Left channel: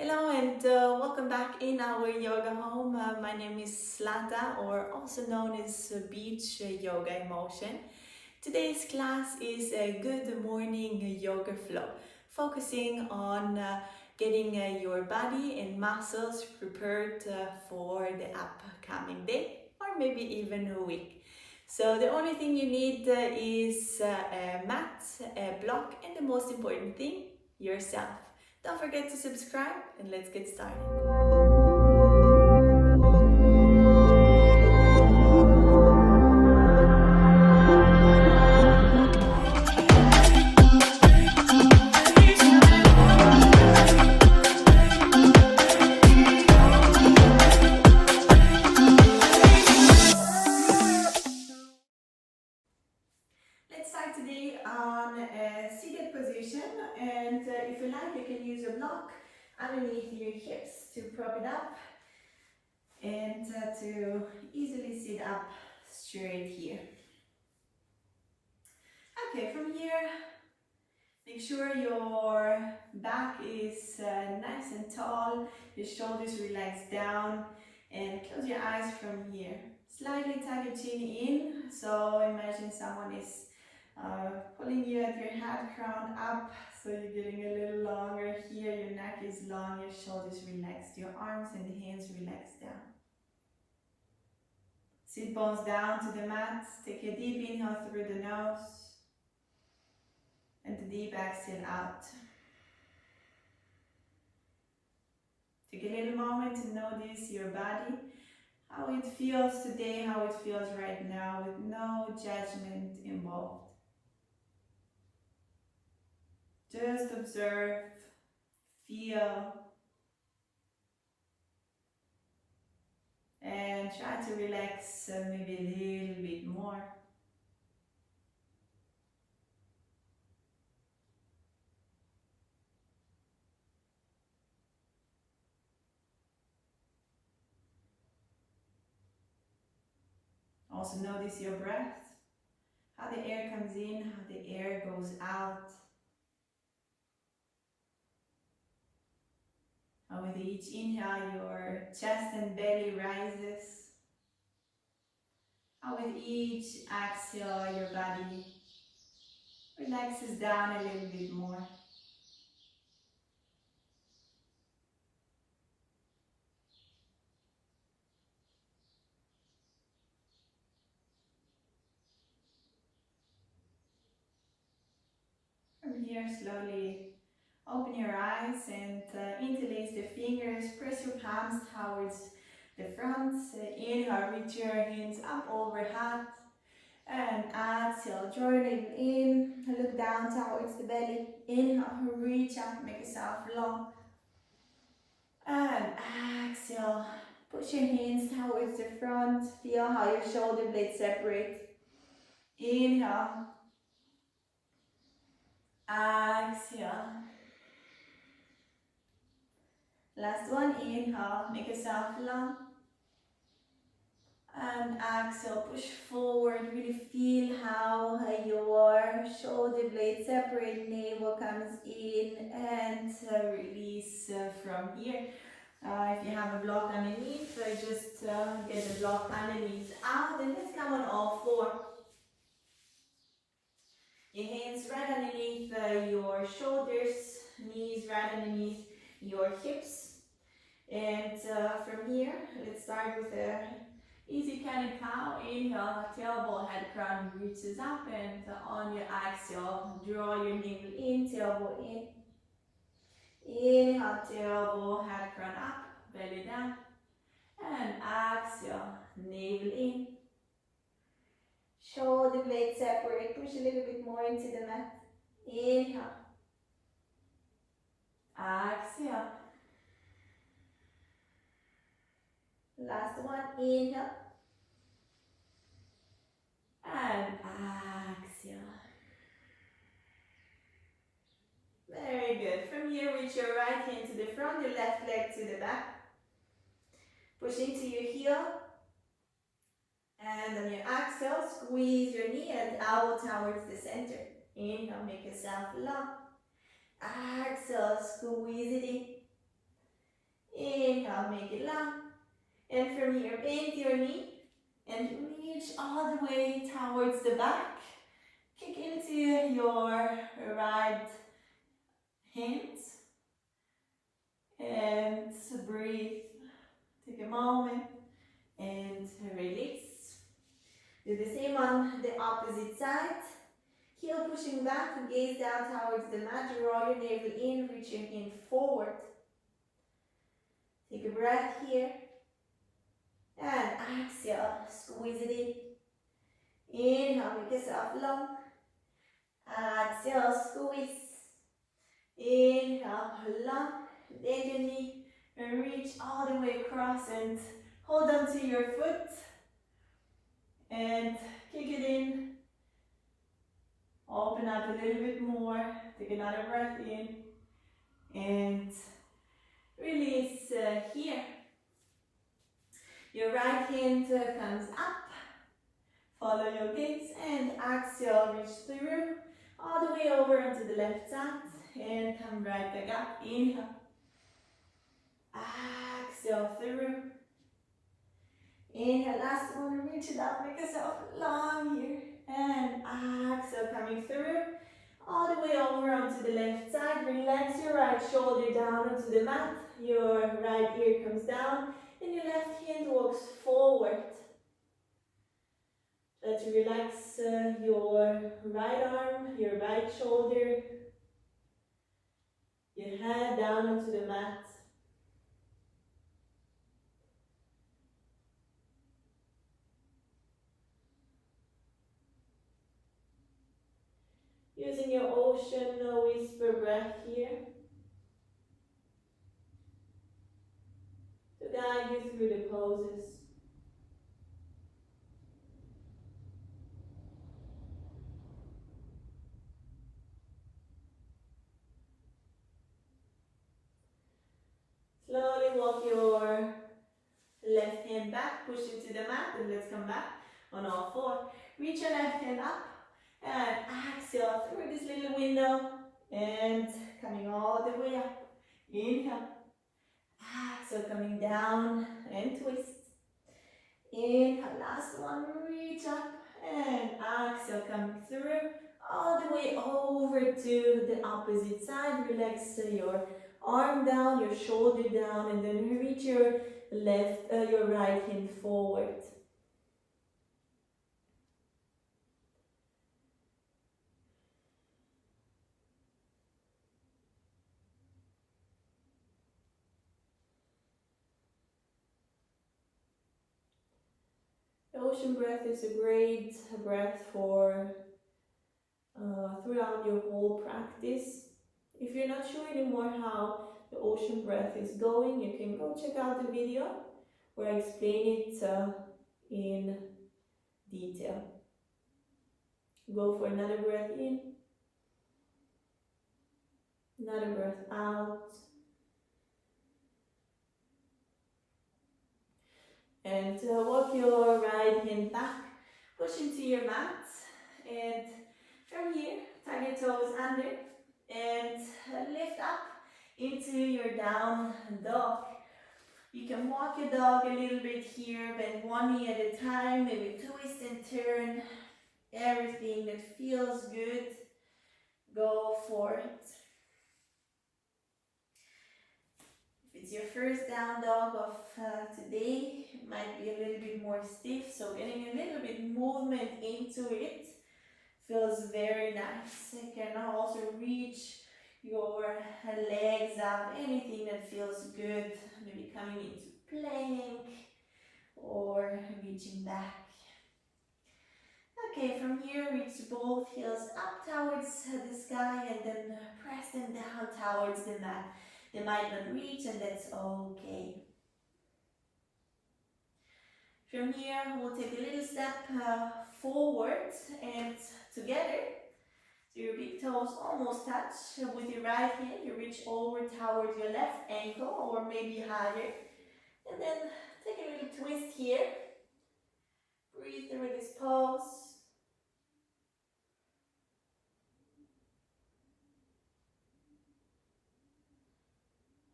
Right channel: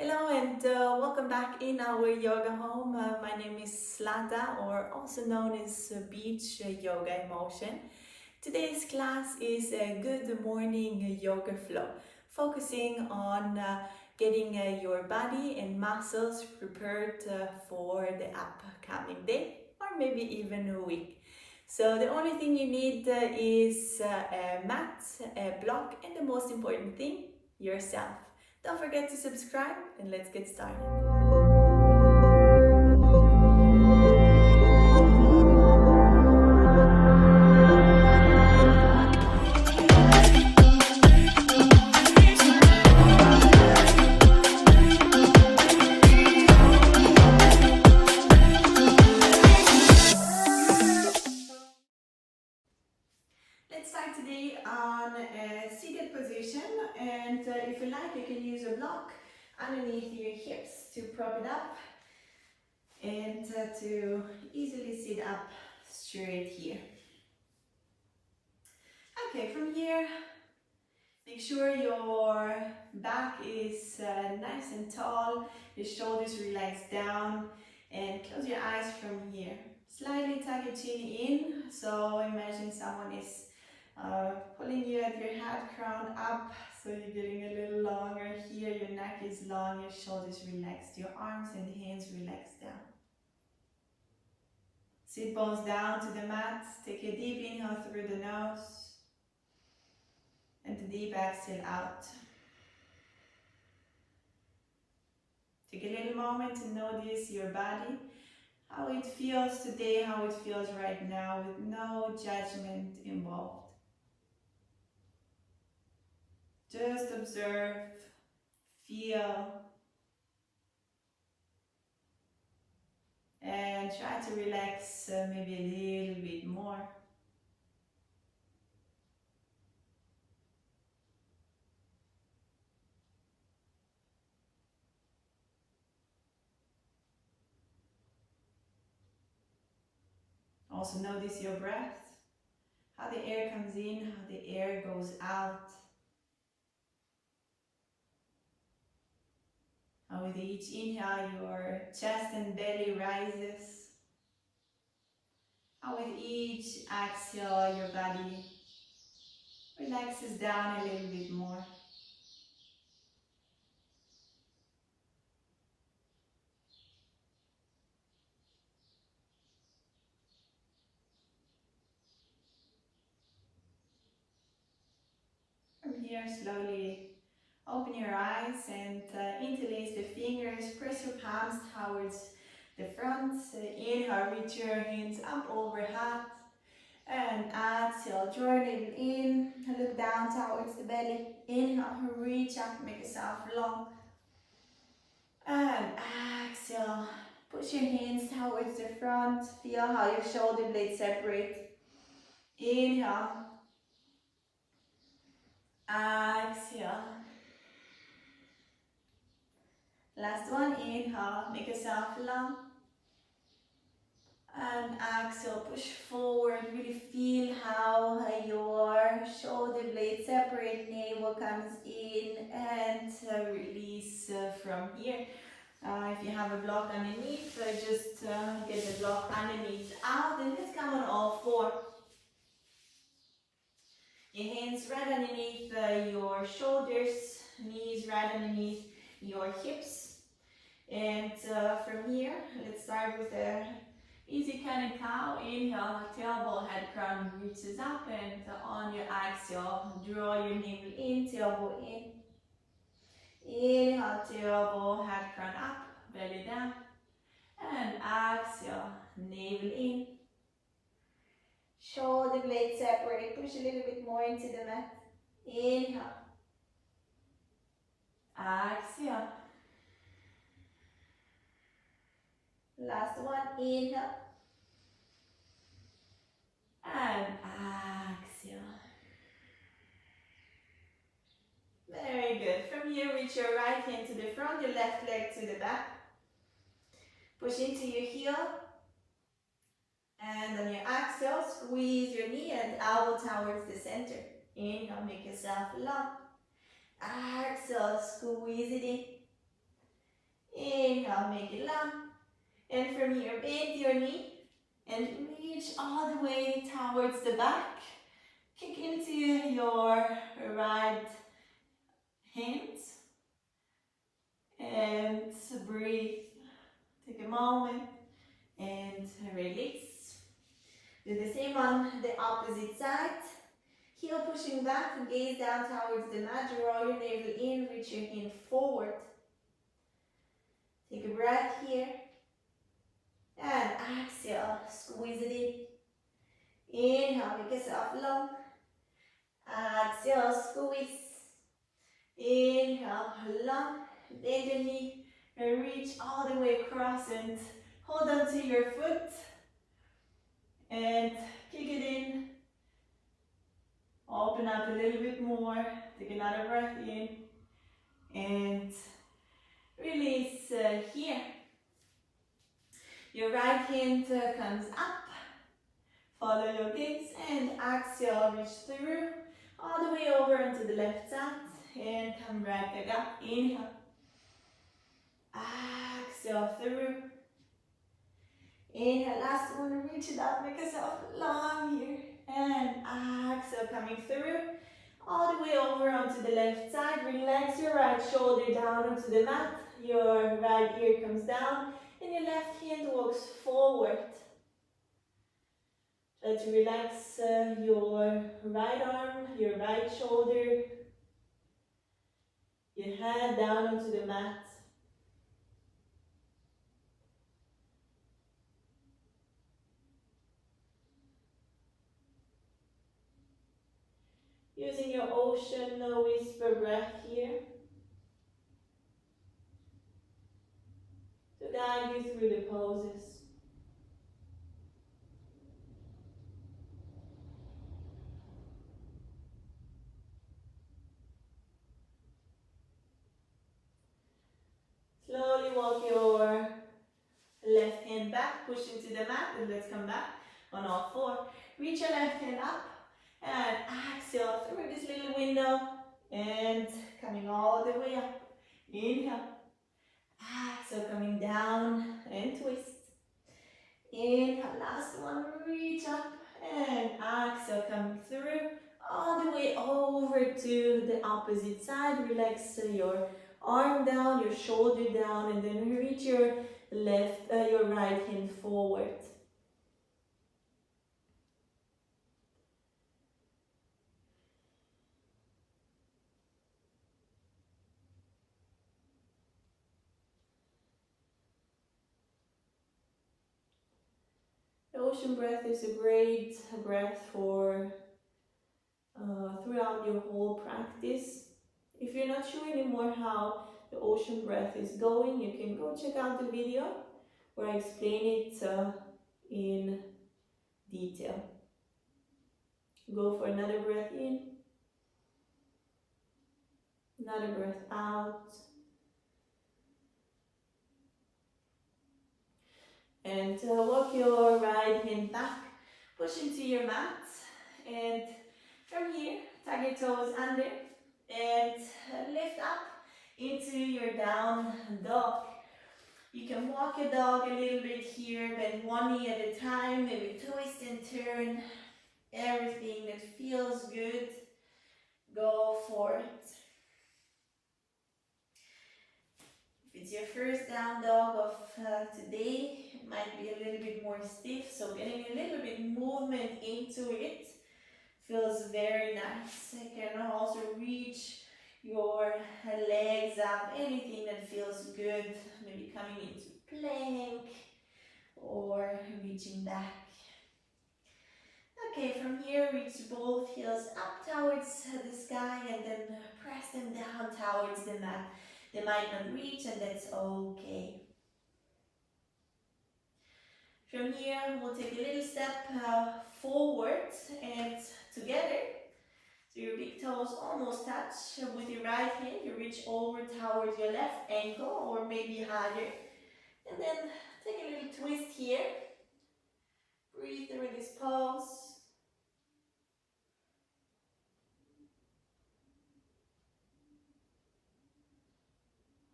Hello and welcome back in our yoga home. My name is Zlata, or also known as Beach YogaEmotion. Today's class is a good morning yoga flow, focusing on getting your body and muscles prepared for the upcoming day or maybe even a week. So the only thing you need is a mat, a block, and the most important thing, yourself. Don't forget to subscribe and let's get started. Let's start today on a seated position, and if you like, you can use a block underneath your hips to prop it up and to easily sit up straight here. Okay, from here, make sure your back is nice and tall, your shoulders relax down, and close your eyes from here. Slightly tuck your chin in, so imagine someone is pulling you at your head crown up, so you're getting a little longer here, your neck is long, your shoulders relaxed, your arms and hands relaxed down. Sit bones down to the mat, take a deep inhale through the nose, and a deep exhale out. Take a little moment to notice your body, how it feels today, how it feels right now, with no judgment involved. Just observe, feel, and try to relax maybe a little bit more. Also notice your breath, how the air comes in, how the air goes out. How with each inhale your chest and belly rises. How with each exhale your body relaxes down a little bit more. From here, slowly open your eyes and interlace the fingers. Press your palms towards the front. Inhale, reach your hands up overhead. And exhale, draw your navel in. Look down towards the belly. Inhale, reach up, make yourself long. And exhale, push your hands towards the front. Feel how your shoulder blades separate. Inhale. Exhale. Last one, inhale, make yourself long. And exhale, push forward, really feel how your shoulder blades separate, navel comes in and release from here. If you have a block underneath, just get the block underneath out, and let's come on all four. Your hands right underneath your shoulders, knees right underneath your hips. And from here, let's start with a easy cat and cow. Inhale, tailbone, head, crown reaches up, and on your exhale, draw your navel in, tailbone in. Inhale, tailbone, head, crown up, belly down. And exhale, navel in. Shoulder blades separate, push a little bit more into the mat. Inhale. Exhale. Last one, inhale. And exhale. Very good. From here, reach your right hand to the front, your left leg to the back. Push into your heel. And on your exhale, squeeze your knee and elbow towards the center. Inhale, make yourself long. Exhale, squeeze it in. Inhale, make it long. And from here, bend your knee and reach all the way towards the back. Kick into your right hand and breathe. Take a moment and release. Do the same on the opposite side. Heel pushing back, gaze down towards the mat. Draw your navel in, reach your hand forward. Take a breath here. And exhale, squeeze it in. Inhale, make yourself long. Exhale, squeeze. Inhale, long. Bend your knee and reach all the way across and hold on to your foot. And kick it in. Open up a little bit more. Take another breath in. And release here. Your right hand comes up. Follow your gaze and exhale, reach through all the way over onto the left side and come right back up. Inhale. Exhale through. Inhale, last one, reach it up, make yourself long here. And exhale, coming through all the way over onto the left side. Relax your right shoulder down onto the mat. Your right ear comes down and your left hand walks forward. Try to relax your right arm, your right shoulder, your head down onto the mat. Using your ocean whisper breath here to guide you through the poses. Slowly walk your left hand back, push into the mat, and let's come back on all four. Reach your left hand up and exhale through this little window and coming all the way up. Inhale. Exhale, coming down and twist. Inhale, last one, reach up and exhale, coming through all the way over to the opposite side. Relax your arm down, your shoulder down, and then reach your your right hand forward. The ocean breath is a great breath for throughout your whole practice. If you're not sure anymore how the ocean breath is going, you can go check out the video where I explain it in detail. Go for another breath in, another breath out. And walk your right hand back, push into your mat, and from here, tuck your toes under and lift up into your down dog. You can walk your dog a little bit here, bend one knee at a time, maybe twist and turn. Everything that feels good, go for it. If it's your first down dog of today, it might be a little bit more stiff, so getting a little bit movement into it feels very nice. You can also reach your legs up, anything that feels good, maybe coming into plank or reaching back. Okay, from here reach both heels up towards the sky and then press them down towards the mat. They might not reach, and that's okay. From here we'll take a little step forward and together. So your big toes almost touch. With your right hand, you reach over towards your left ankle or maybe higher. And then take a little twist here. Breathe through this pose.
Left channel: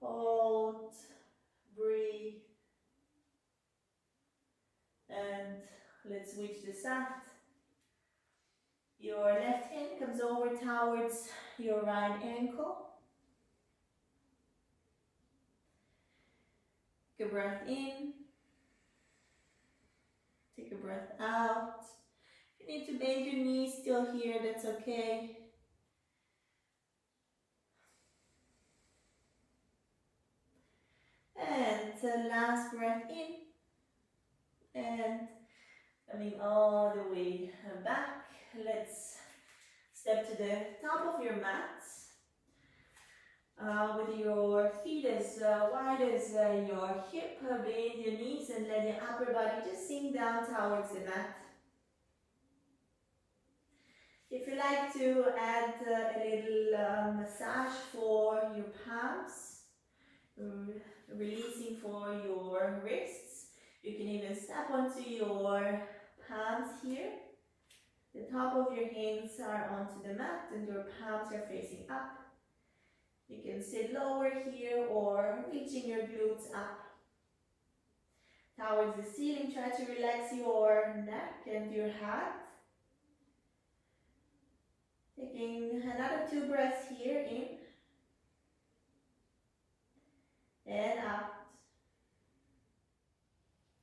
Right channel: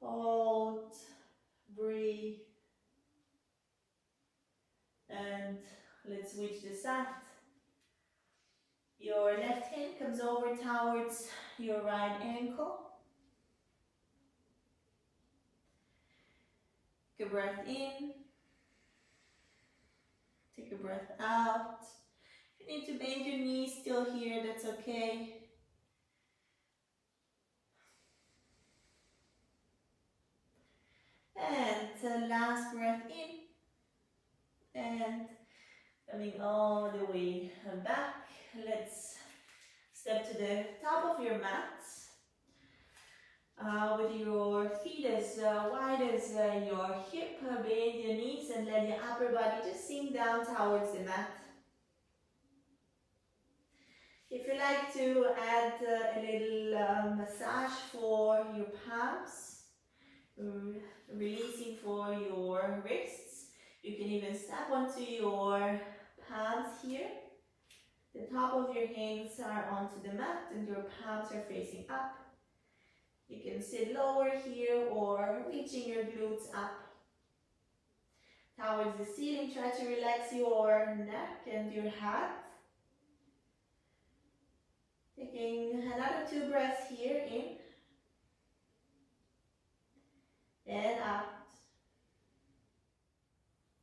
Hold, breathe. switch the side. Your left hand comes over towards your right ankle. Take a breath in. Take a breath out. If you need to bend your knees still here, that's okay. And the last breath in. And coming all the way back. Let's step to the top of your mat. With your feet as wide as your hip, bend your knees and let your upper body just sink down towards the mat. If you like to add a little massage for your palms, releasing for your wrists, you can even step onto your palms here. The top of your hands are onto the mat and your palms are facing up. You can sit lower here or reaching your glutes up towards the ceiling. Try to relax your neck and your head. Taking another 2 breaths here, in and out.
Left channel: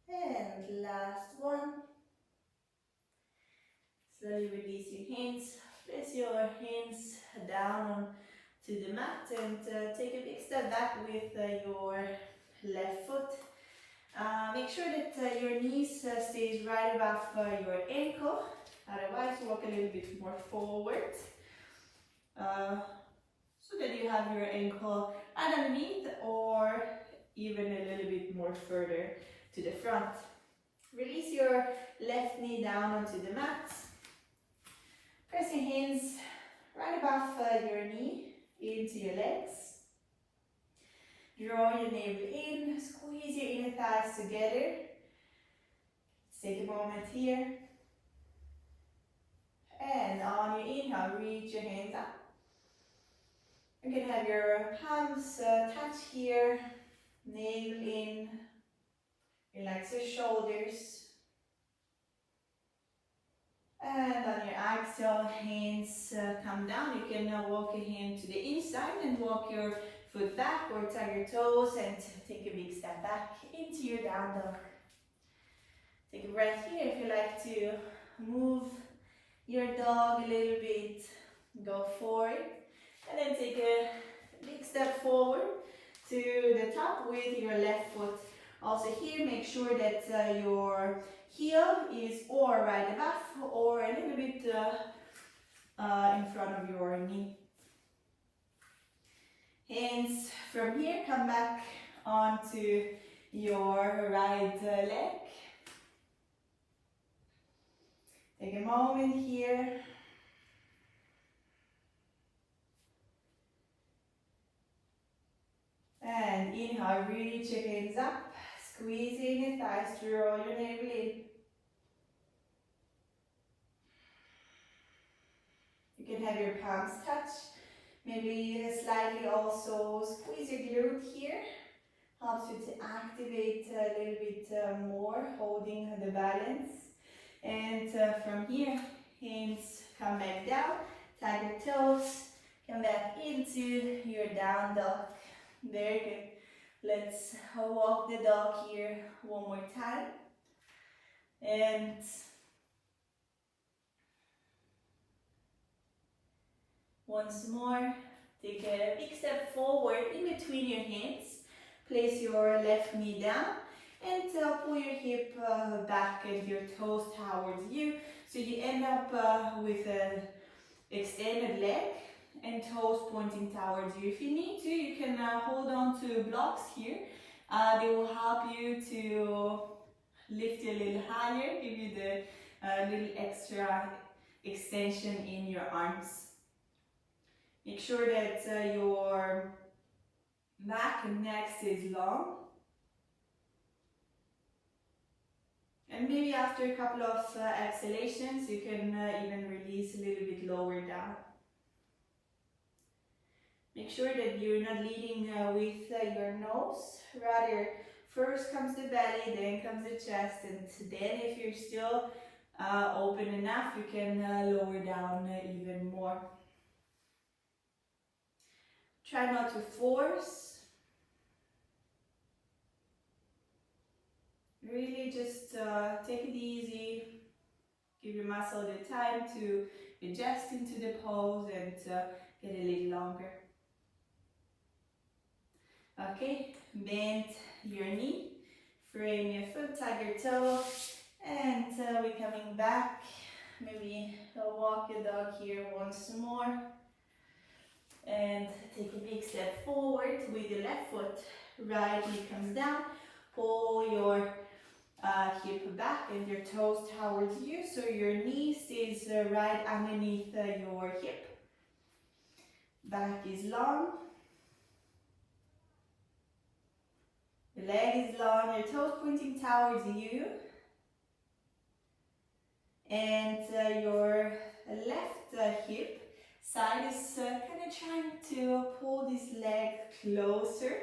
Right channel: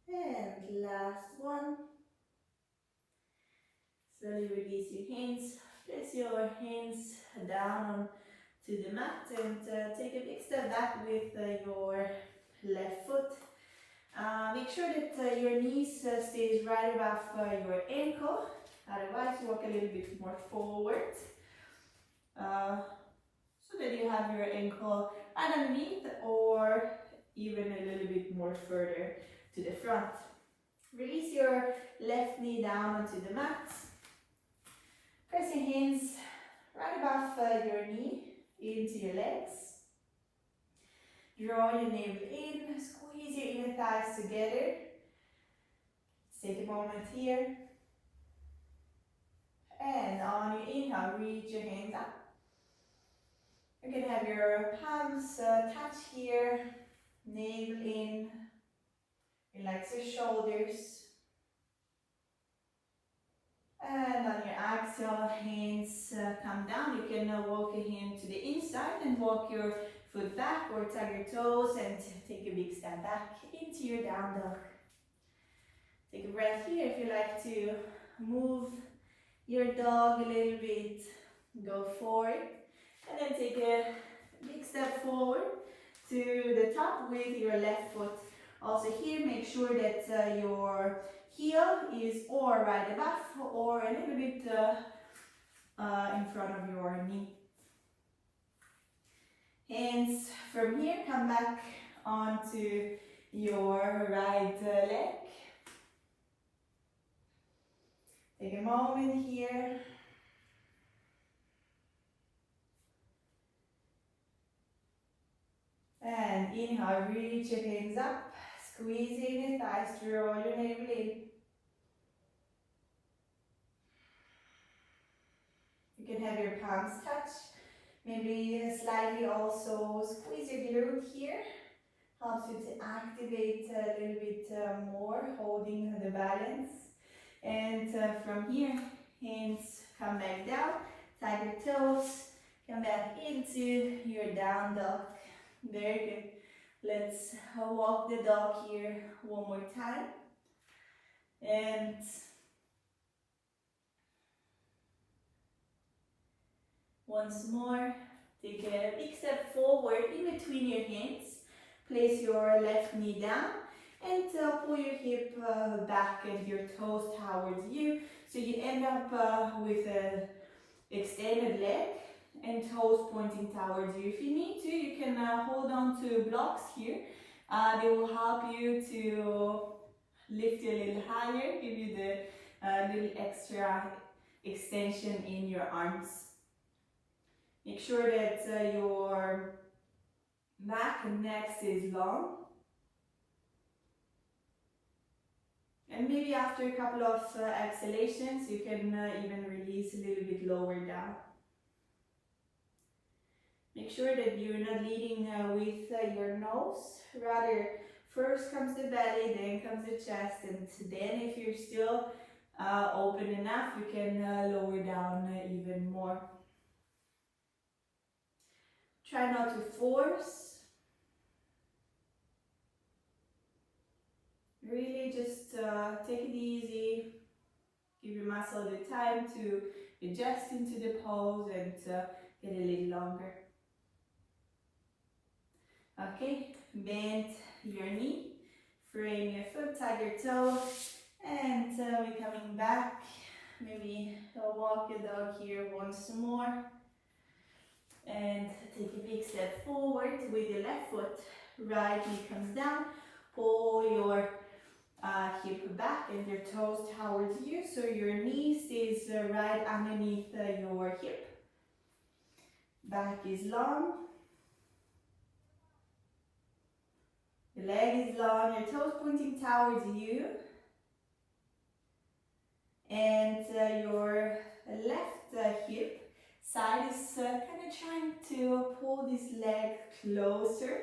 And last one. Slowly release your hands. Place your hands down onto the mat and take a big step back with your left foot. Make sure that your knees stays right above your ankle. Otherwise, walk a little bit more forward so that you have your ankle right underneath or even a little bit more further to the front. Release your left knee down onto the mat. Press your hands right above your knee into your legs. Draw your navel in, squeeze your inner thighs together. Take a moment here. And on your inhale, reach your hands up. You can have your palms touch here, navel in. Relax your shoulders. And on your exhale, hands come down. You can walk your hand to the inside and walk your foot back or tug your toes and take a big step back into your down dog. Take a breath here. If you like to move your dog a little bit, go for it. And then take a big step forward to the top with your left foot. Also here, make sure that your heel is or right above or a little bit in front of your knee. Hands from here, come back onto your right leg. Take a moment here. And inhale, reach your hands up. Squeeze in your thighs, draw your navel in. You can have your palms touch. Maybe slightly also squeeze your glute here. Helps you to activate a little bit more, holding the balance. And from here, hands come back down, tag your toes, come back into your down dog. Very good. Let's walk the dog here one more time. And once more, take a big step forward in between your hands. Place your left knee down and pull your hip back and your toes towards you. So you end up with an extended leg and toes pointing towards you. If you need to, you can hold on to blocks here. They will help you to lift you a little higher, give you the little extra extension in your arms. Make sure that your back and neck stays long. And maybe after a couple of exhalations, you can even release a little bit lower down. Make sure that you're not leading with your nose. Rather, first comes the belly, then comes the chest, and then if you're still open enough, you can lower down even more. Try not to force. Really just take it easy. Give your muscle the time to adjust into the pose and get a little longer. Okay, bend your knee, frame your foot, tag your toe, and we're coming back. Maybe walk your dog here once more. And take a big step forward with your left foot. Right knee comes down. Pull your hip back and your toes towards you, so your knee stays right underneath your hip. Back is long. The leg is long, your toes pointing towards you. And your left hip side is kind of trying to pull this leg closer.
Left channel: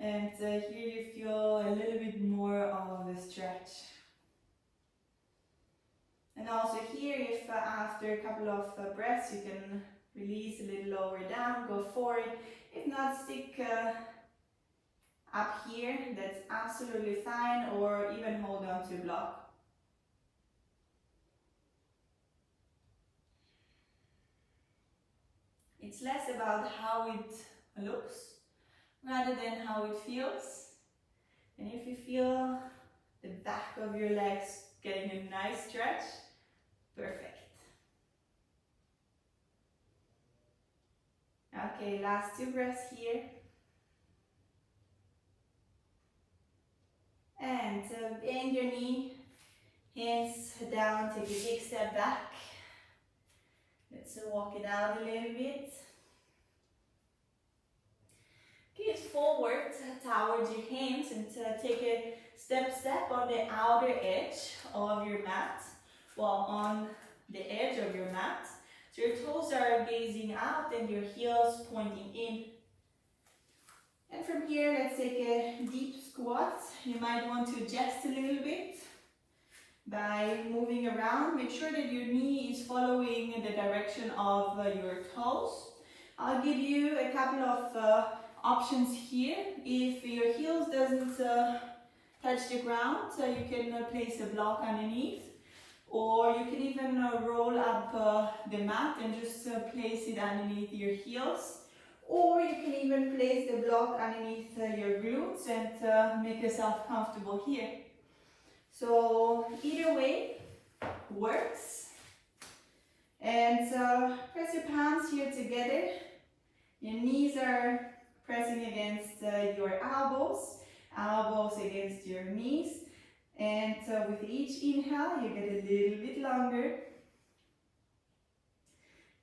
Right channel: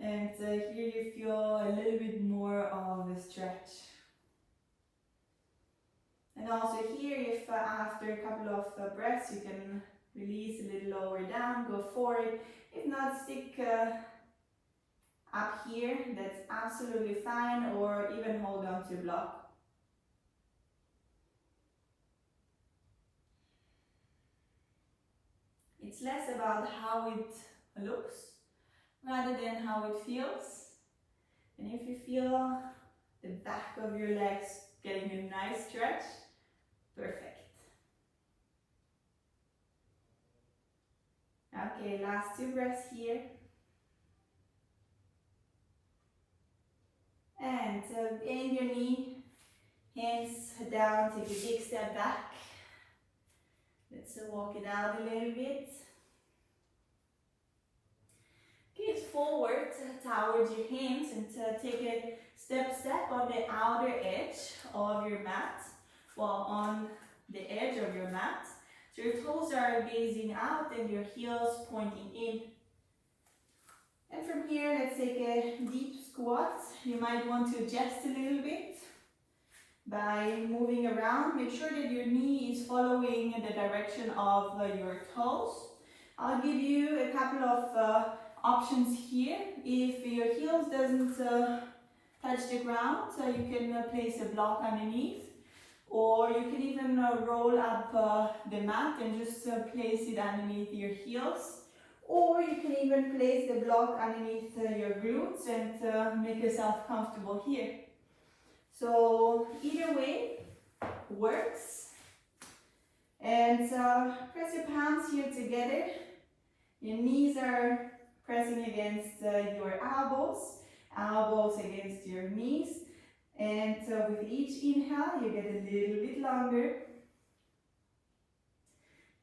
And here you feel a little bit more of a stretch. And also here, if after a couple of breaths you can release a little lower down, go forward. If not, stick up here, that's absolutely fine, or even hold on to a block. It's less about how it looks rather than how it feels. And if you feel the back of your legs getting a nice stretch, perfect. Okay, last 2 breaths here. And bend your knee, hands down, take a big step back. Let's walk it out a little bit. Gaze forward towards your hands and take a step on the outer edge of your mat, well, on the edge of your mat. So your toes are gazing out and your heels pointing in. And from here, let's take a deep squat. You might want to adjust a little bit by moving around. Make sure that your knee is following the direction of your toes. I'll give you a couple of options here. If your heels doesn't touch the ground, you can place a block underneath, or you can even roll up the mat and just place it underneath your heels, or you can even place the block underneath your glutes and make yourself comfortable here. So either way works. And press your palms here together. Your knees are pressing against your elbows, elbows against your knees. And with each inhale, you get a little bit longer.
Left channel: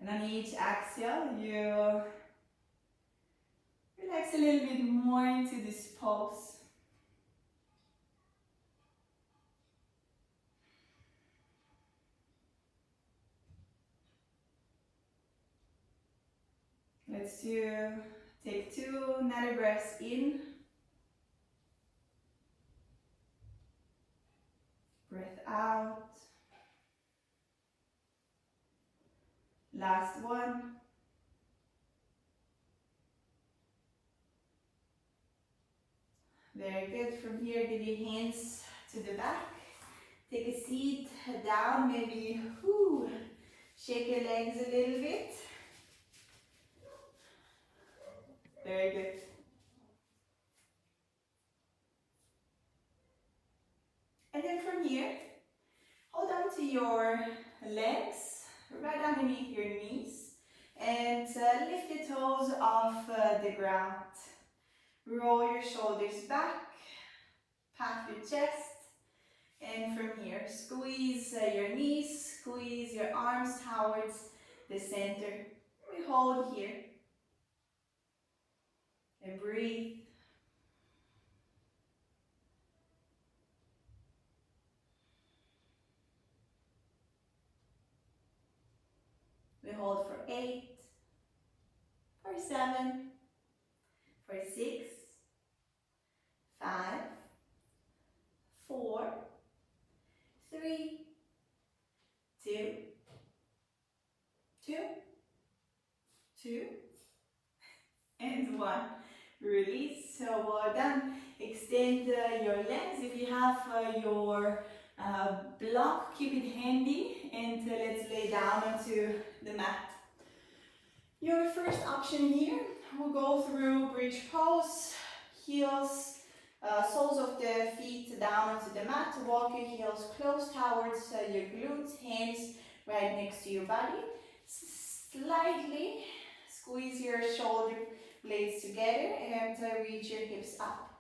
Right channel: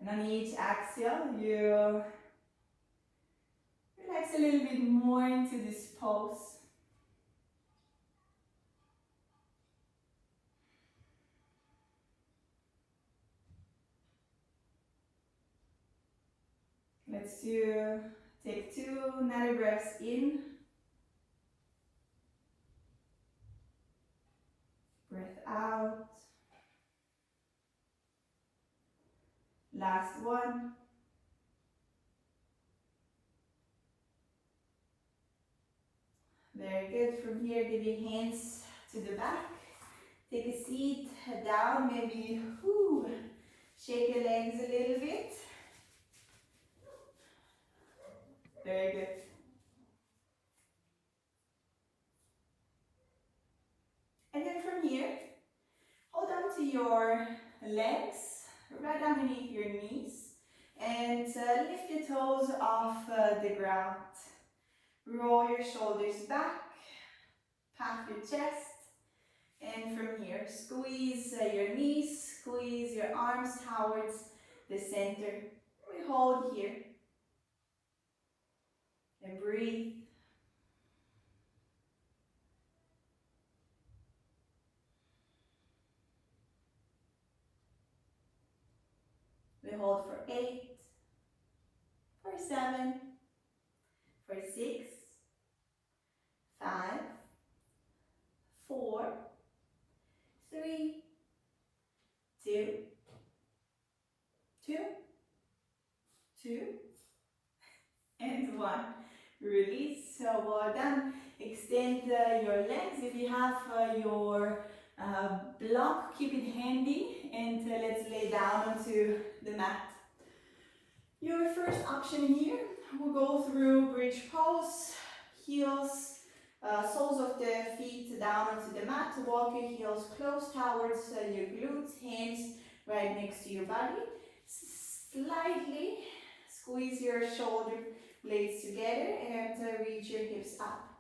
And on each exhale, you relax a little bit more into this pose. Let's take 2 another breaths in. Breath out. Last one. Very good. From here, give your hands to the back. Take a seat down, maybe shake your legs a little bit. Very good. And then from here, hold on to your legs right underneath your knees and lift your toes off the ground. Roll your shoulders back, pat your chest, and from here, squeeze your knees, squeeze your arms towards the center. We hold here and breathe. We hold for 8, for 7, for 6, 5, 4, and 1. Release. So well done. Extend your legs. If you have your block, keep it handy, and let's lay down onto the mat. Your first option here, we'll go through bridge pose, heels, soles of the feet down onto the mat. Walk your heels close towards your glutes, hands right next to your body. Slightly squeeze your shoulder blades together and reach your hips up.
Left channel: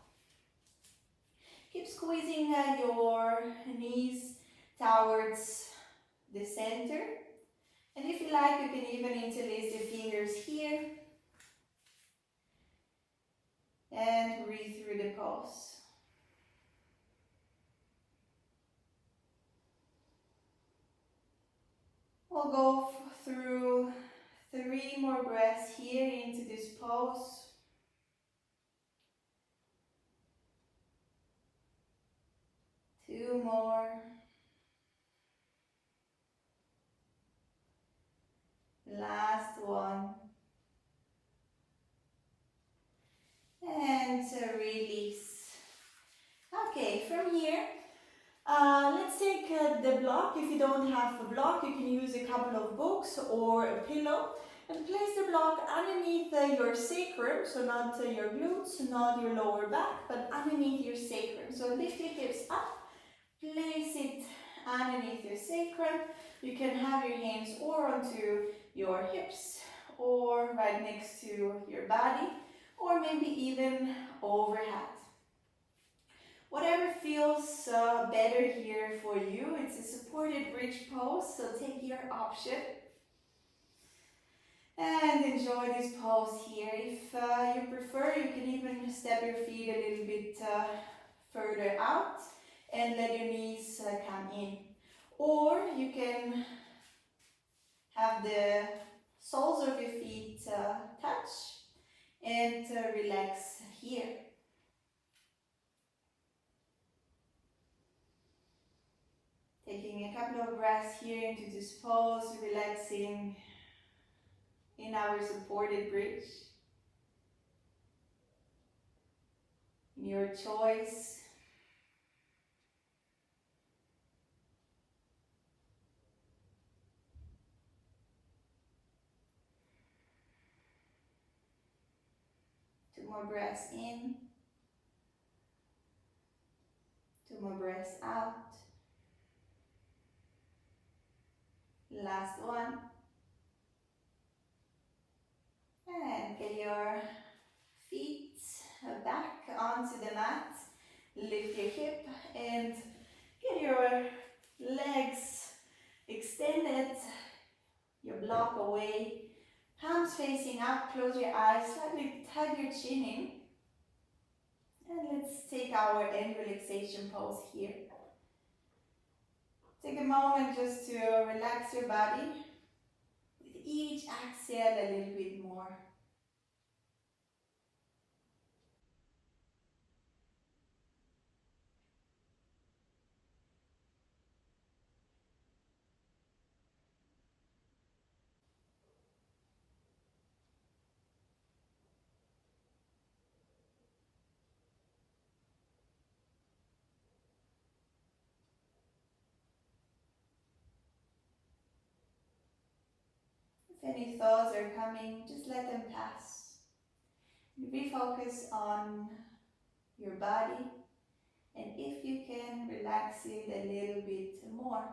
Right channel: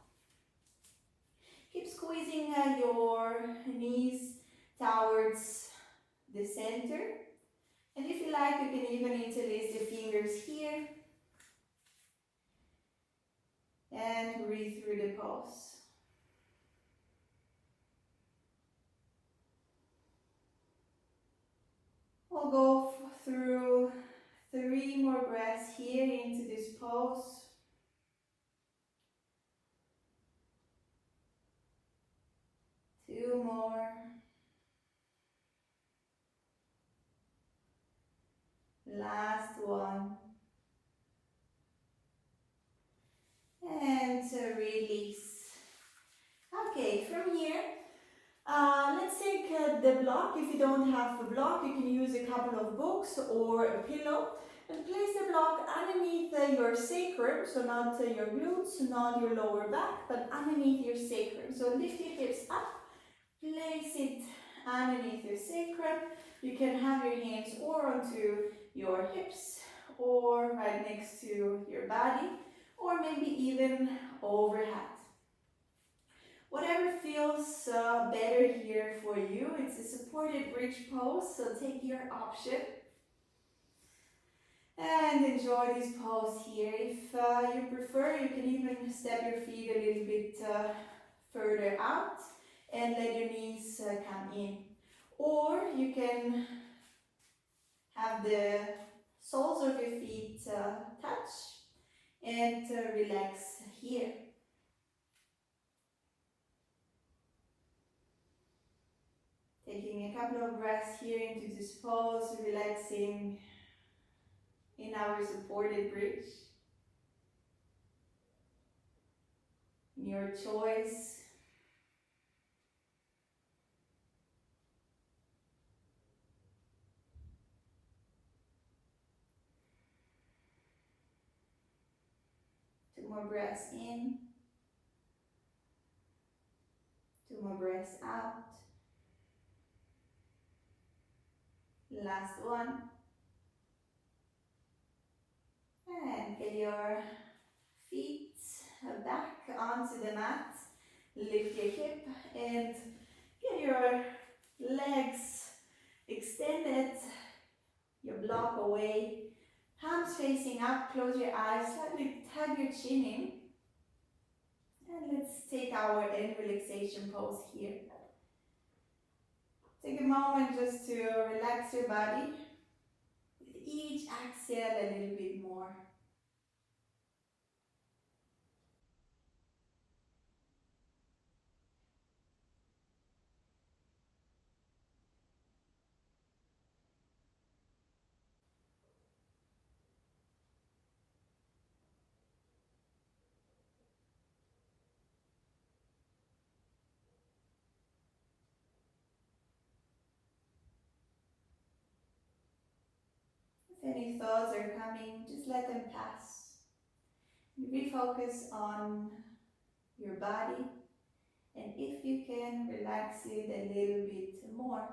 Keep squeezing your knees towards the center. And if you like, you can even interlace the fingers here. And breathe through the pose. We'll go through 3 more breaths here into this pose. Two more. Last one. And release. Okay, from here, let's take the block. If you don't have a block, you can use a couple of books or a pillow. And place the block underneath your sacrum, so not your glutes, not your lower back, but underneath your sacrum. So lift your hips up, place it underneath your sacrum. You can have your hands or onto your hips or right next to your body, or maybe even overhead. Whatever feels better here for you. It's a supported bridge pose, so take your option. And enjoy this pose here. If you prefer, you can even step your feet a little bit further out and let your knees come in. Or you can have the soles of your feet touch and relax here. Taking a couple of breaths here into this pose, relaxing in our supported bridge. Your choice. Two more breaths in. Two more breaths out. Last one. And get your feet back onto the mat. Lift your hip and get your legs extended. Your block away. Palms facing up. Close your eyes. Slightly tug your chin in. And let's take our end relaxation pose here. Take a moment just to relax your body. With each exhale a little bit more. If any thoughts are coming, just let them pass. Refocus on your body, and if you can, relax it a little bit more.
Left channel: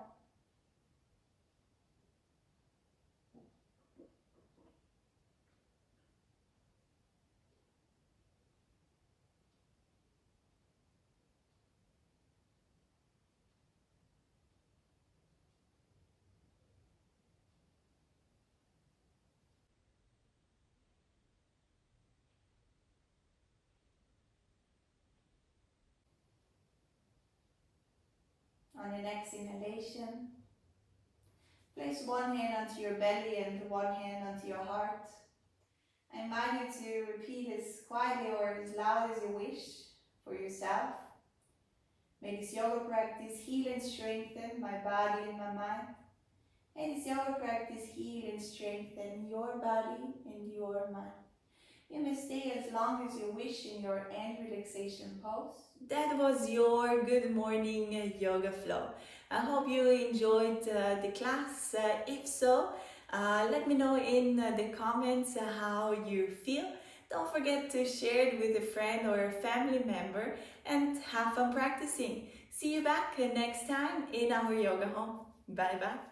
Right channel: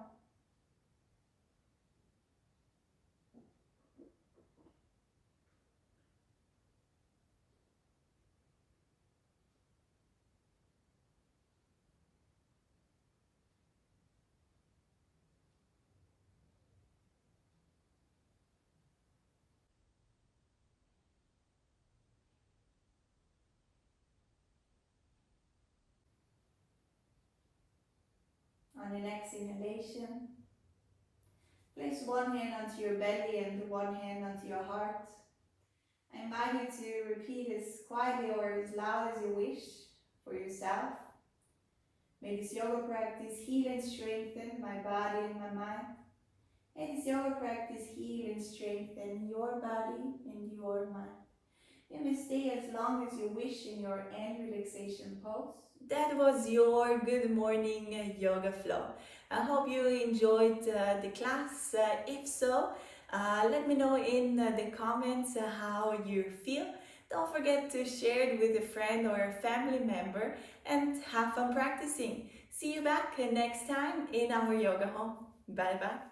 On your next inhalation, place one hand onto your belly and one hand onto your heart. I invite you to repeat as quietly or as loud as you wish for yourself. May this yoga practice heal and strengthen my body and my mind. May this yoga practice heal and strengthen your body and your mind. You may stay as long as you wish in your end relaxation pose. That was your good morning yoga flow. I hope you enjoyed the class. If so, let me know in the comments how you feel. Don't forget to share it with a friend or a family member and have fun practicing. See you back next time in our yoga home. Bye bye.